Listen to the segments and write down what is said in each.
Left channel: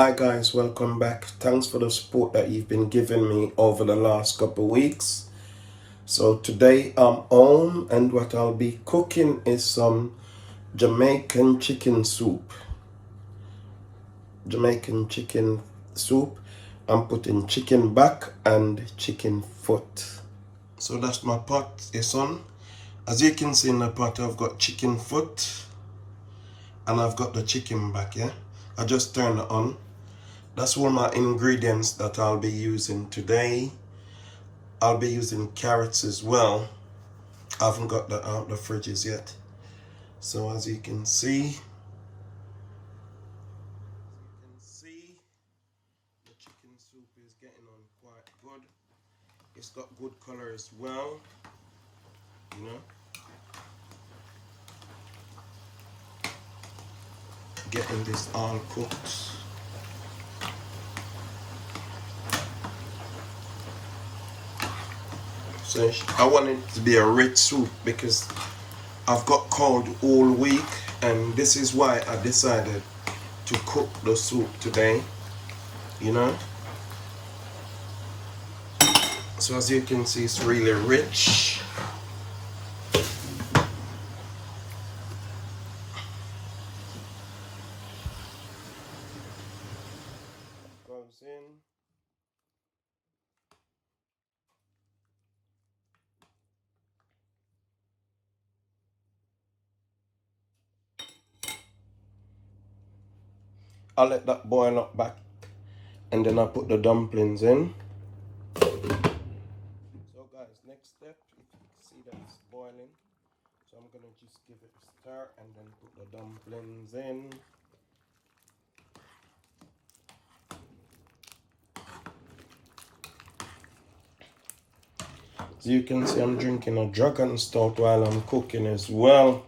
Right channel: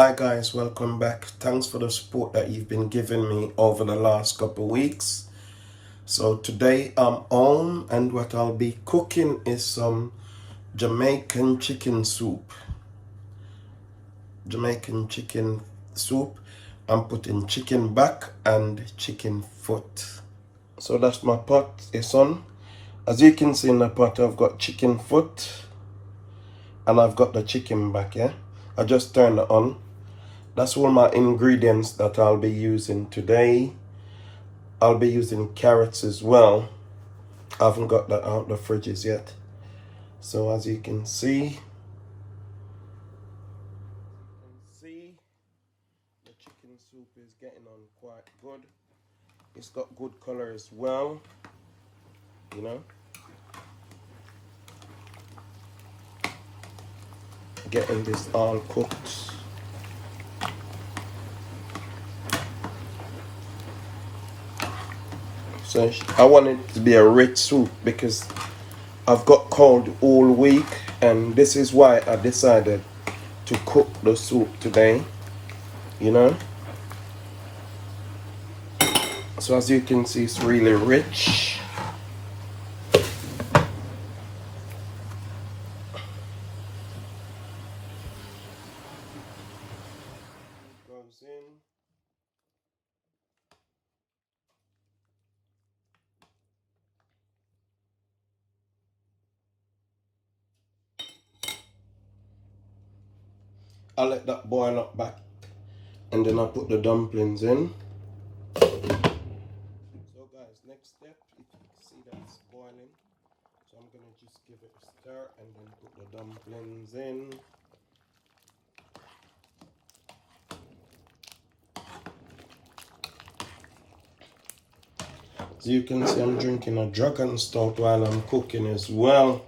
Hi guys, welcome back. Thanks for the support that you've been giving me over the last couple of weeks. So today I'm home and what I'll be cooking is some Jamaican chicken soup. Jamaican chicken soup. I'm putting chicken back and chicken foot. So that's my pot is on. As you can see in the pot, I've got chicken foot and I've got the chicken back, yeah? I just turned it on. That's all my ingredients that I'll be using today. I'll be using carrots as well. I haven't got that out the fridges yet. So as you can see, the chicken soup is getting on quite good. It's got good color as well, you know. Getting this all cooked. So I want it to be a rich soup because I've got cold all week, and this is why I decided to cook the soup today, you know. So as you can see, it's really rich. Goes in. I'll let that boil up back and then I'll put the dumplings in. So guys, next step, you can see that it's boiling. So I'm gonna just give it a stir and then put the dumplings in. So you can see I'm drinking a dragon stout while I'm cooking as well.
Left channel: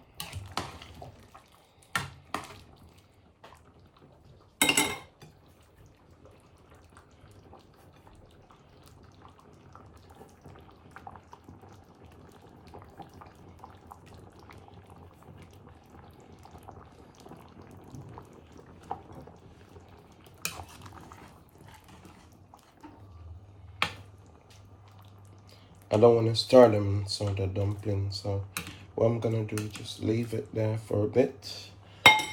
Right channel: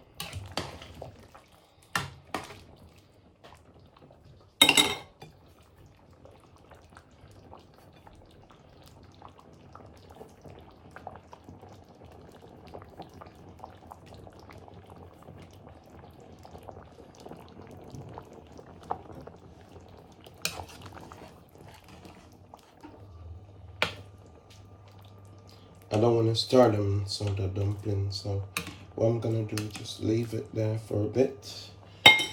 I don't want to stir them, so the dumplings. So what I'm gonna do is just leave it there for a bit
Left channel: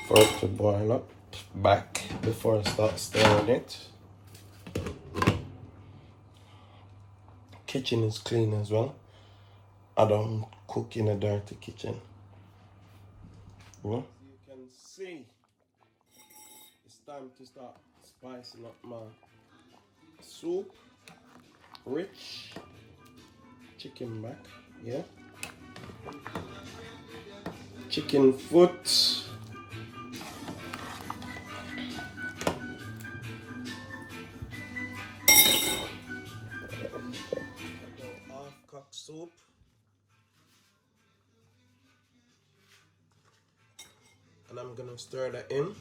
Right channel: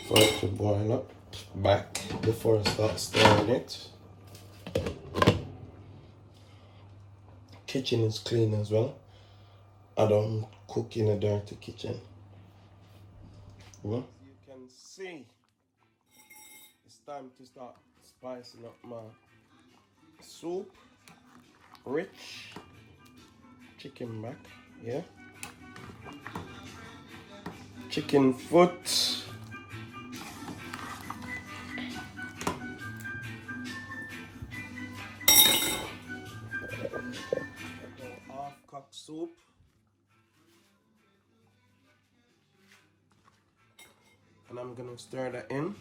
for it to boil up back before I start stirring it. Kitchen is clean as well. I don't cook in a dirty kitchen. You know? You can see it's time to start spicing up my soup. Rich chicken back, yeah. Chicken foot. Half-cooked soup. And I'm gonna stir that in.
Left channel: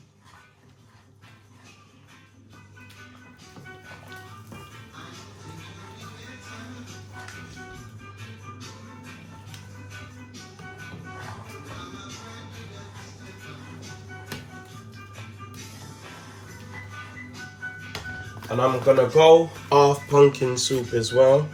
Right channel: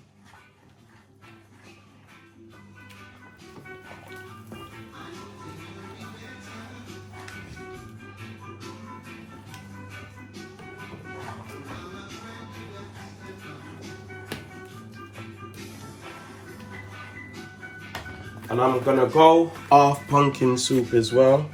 And I'm gonna go off pumpkin soup as well.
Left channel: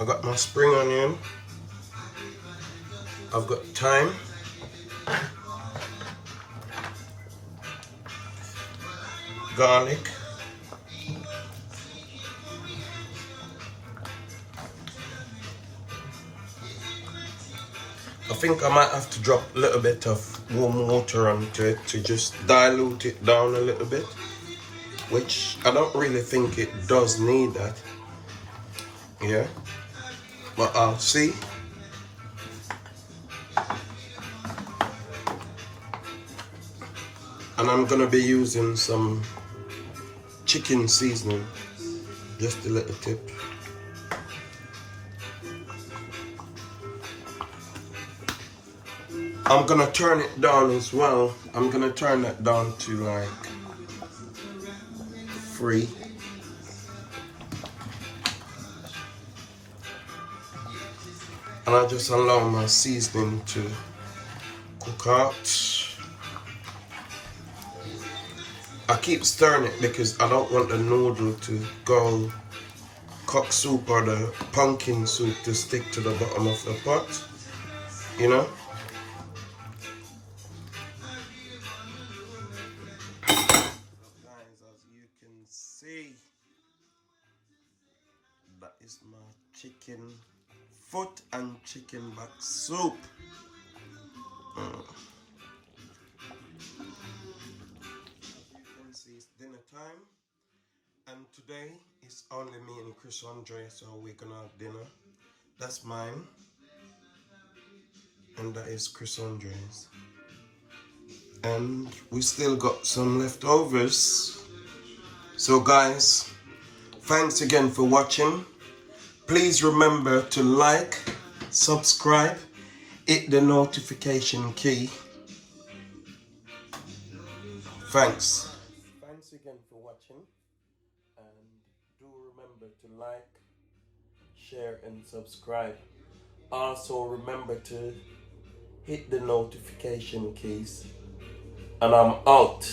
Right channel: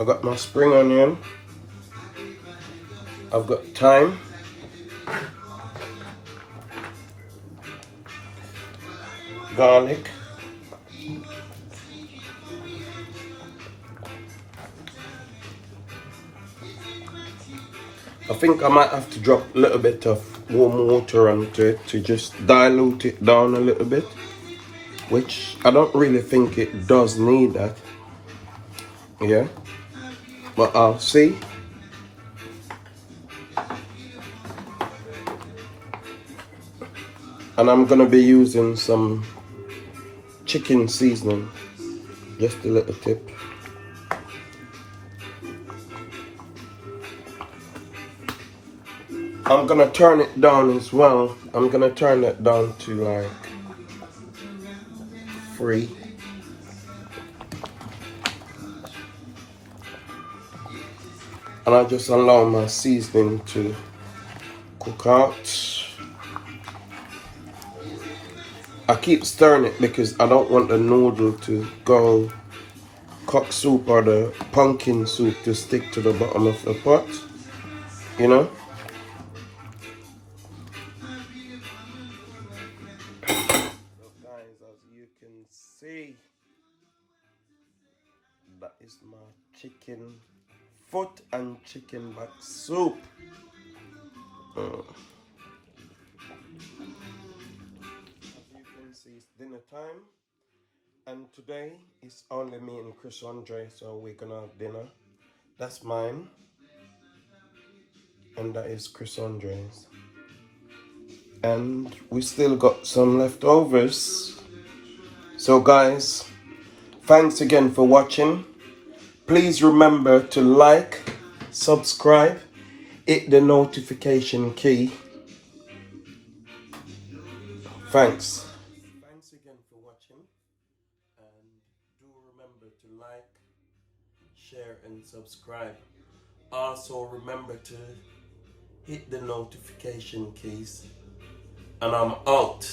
I got my spring onion. I've got thyme. Garlic. I think I might have to drop a little bit of warm water onto it to just dilute it down a little bit, which I don't really think it does need that. Yeah. but I'll see. And I'm gonna be using some chicken seasoning, just a little tip. I'm gonna turn it down as well. I'm gonna turn it down to like 3. And I'll just allow my seasoning to cook out. I keep stirring it because I don't want the noodle to go cock soup or the pumpkin soup to stick to the bottom of the pot, you know? So guys, as you can see, that is my chicken foot and chicken back soup. As you can see, it's dinner time. And today it's only me and Chris Andre, so we're gonna have dinner. That's mine. And that is Chris Andre's. And we still got some leftovers. So guys, thanks again for watching. Please remember to like, subscribe, hit the notification key. Thanks. Thanks again for watching. And do remember to like, share and subscribe. Also remember to hit the notification keys. And I'm out.